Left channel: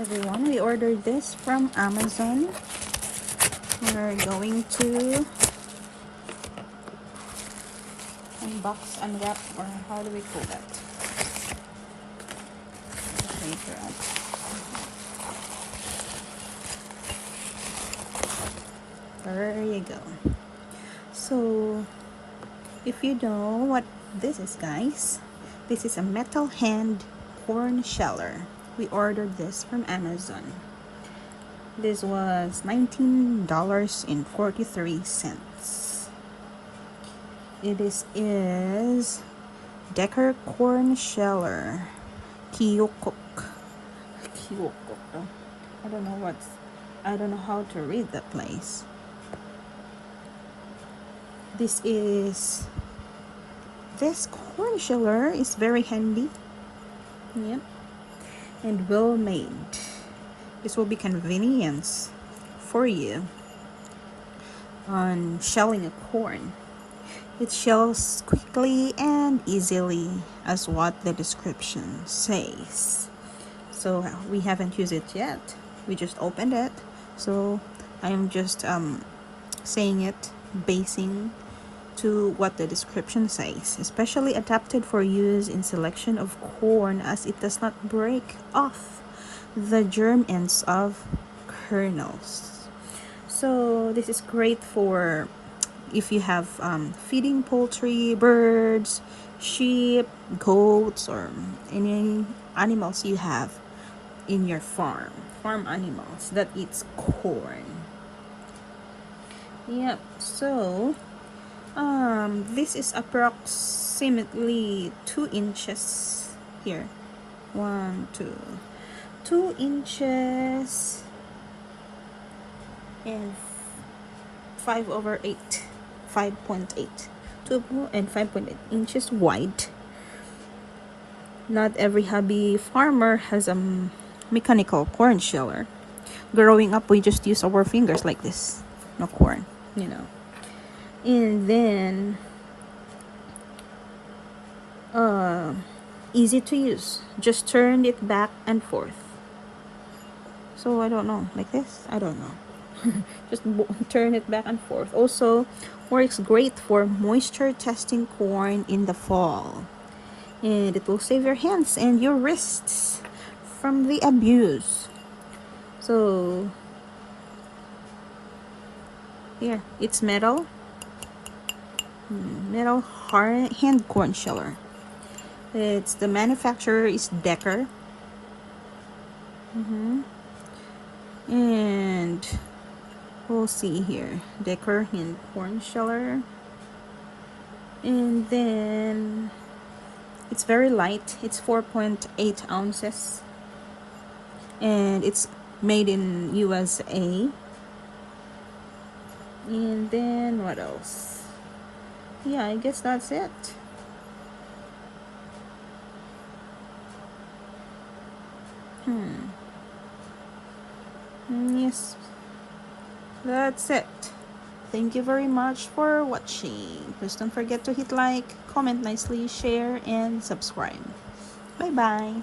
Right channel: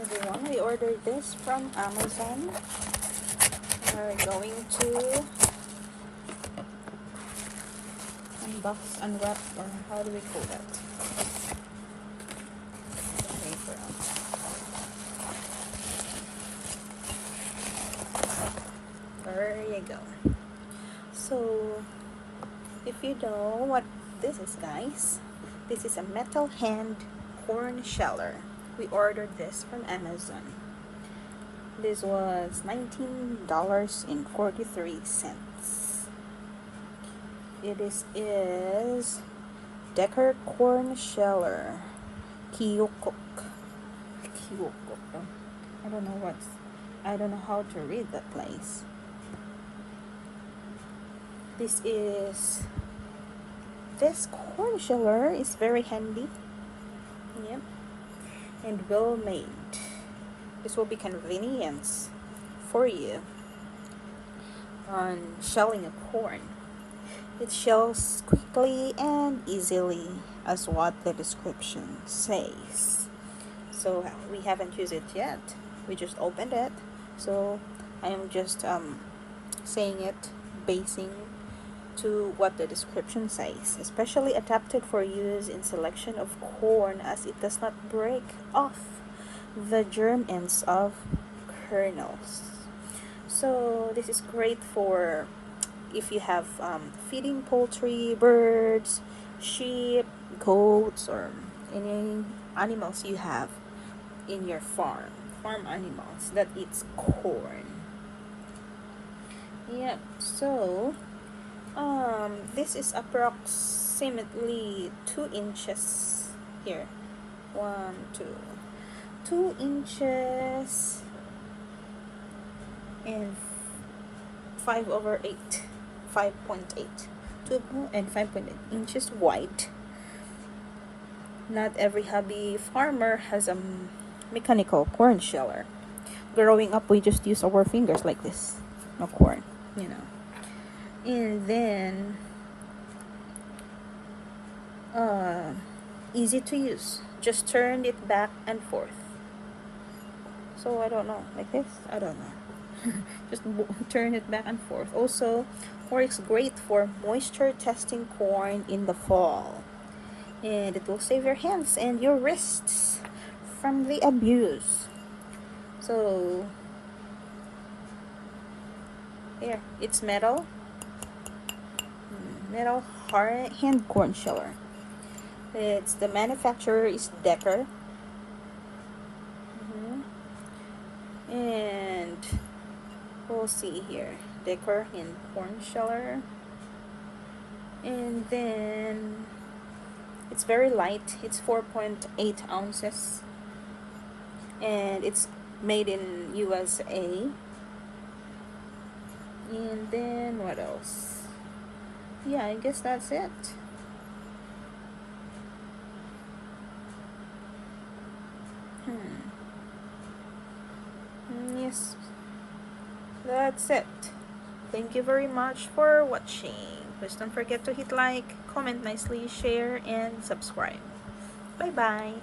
everyone, we ordered this from Amazon. We're going to unbox, unwrap, or how do we call that? There you go. So, if you know what this is, guys, this is a metal hand corn sheller. We ordered this from Amazon. This was $19.43. It is Decker corn sheller. Kyokok. I don't know how to read that place. This corn sheller is very handy. Yep. And well made. This will be convenience for you on shelling a corn. It shells quickly and easily, as what the description says. So we haven't used it yet. We just opened it. So I am just saying it, basing to what the description says. Especially adapted for use in selection of corn, as it does not break off the germ ends of kernels. So this is great for if you have feeding poultry, birds, sheep, goats, or any animals you have in your farm animals that eats corn. Yep. So this is approximately 2 inches here. 2 inches and 5/8, 5.8, 2 and 5.8 inches wide. Not every hobby farmer has a mechanical corn sheller. Growing up, we just use our fingers like this, no corn, you know. And then easy to use. Just turn it back and forth. So I don't know, like this, I don't know. Just turn it back and forth. Also works great for moisture testing corn in the fall, and it will save your hands and your wrists from the abuse. So here, it's metal hard hand corn sheller. It's the manufacturer is Decker. And we'll see here, Decker hand corn sheller. And then it's very light. It's 4.8 ounces, and it's made in USA. And then what else? Yeah, I guess that's it. Yes, that's it. Thank you very much for watching. Please don't forget to hit like, comment nicely, share, and subscribe. Bye bye.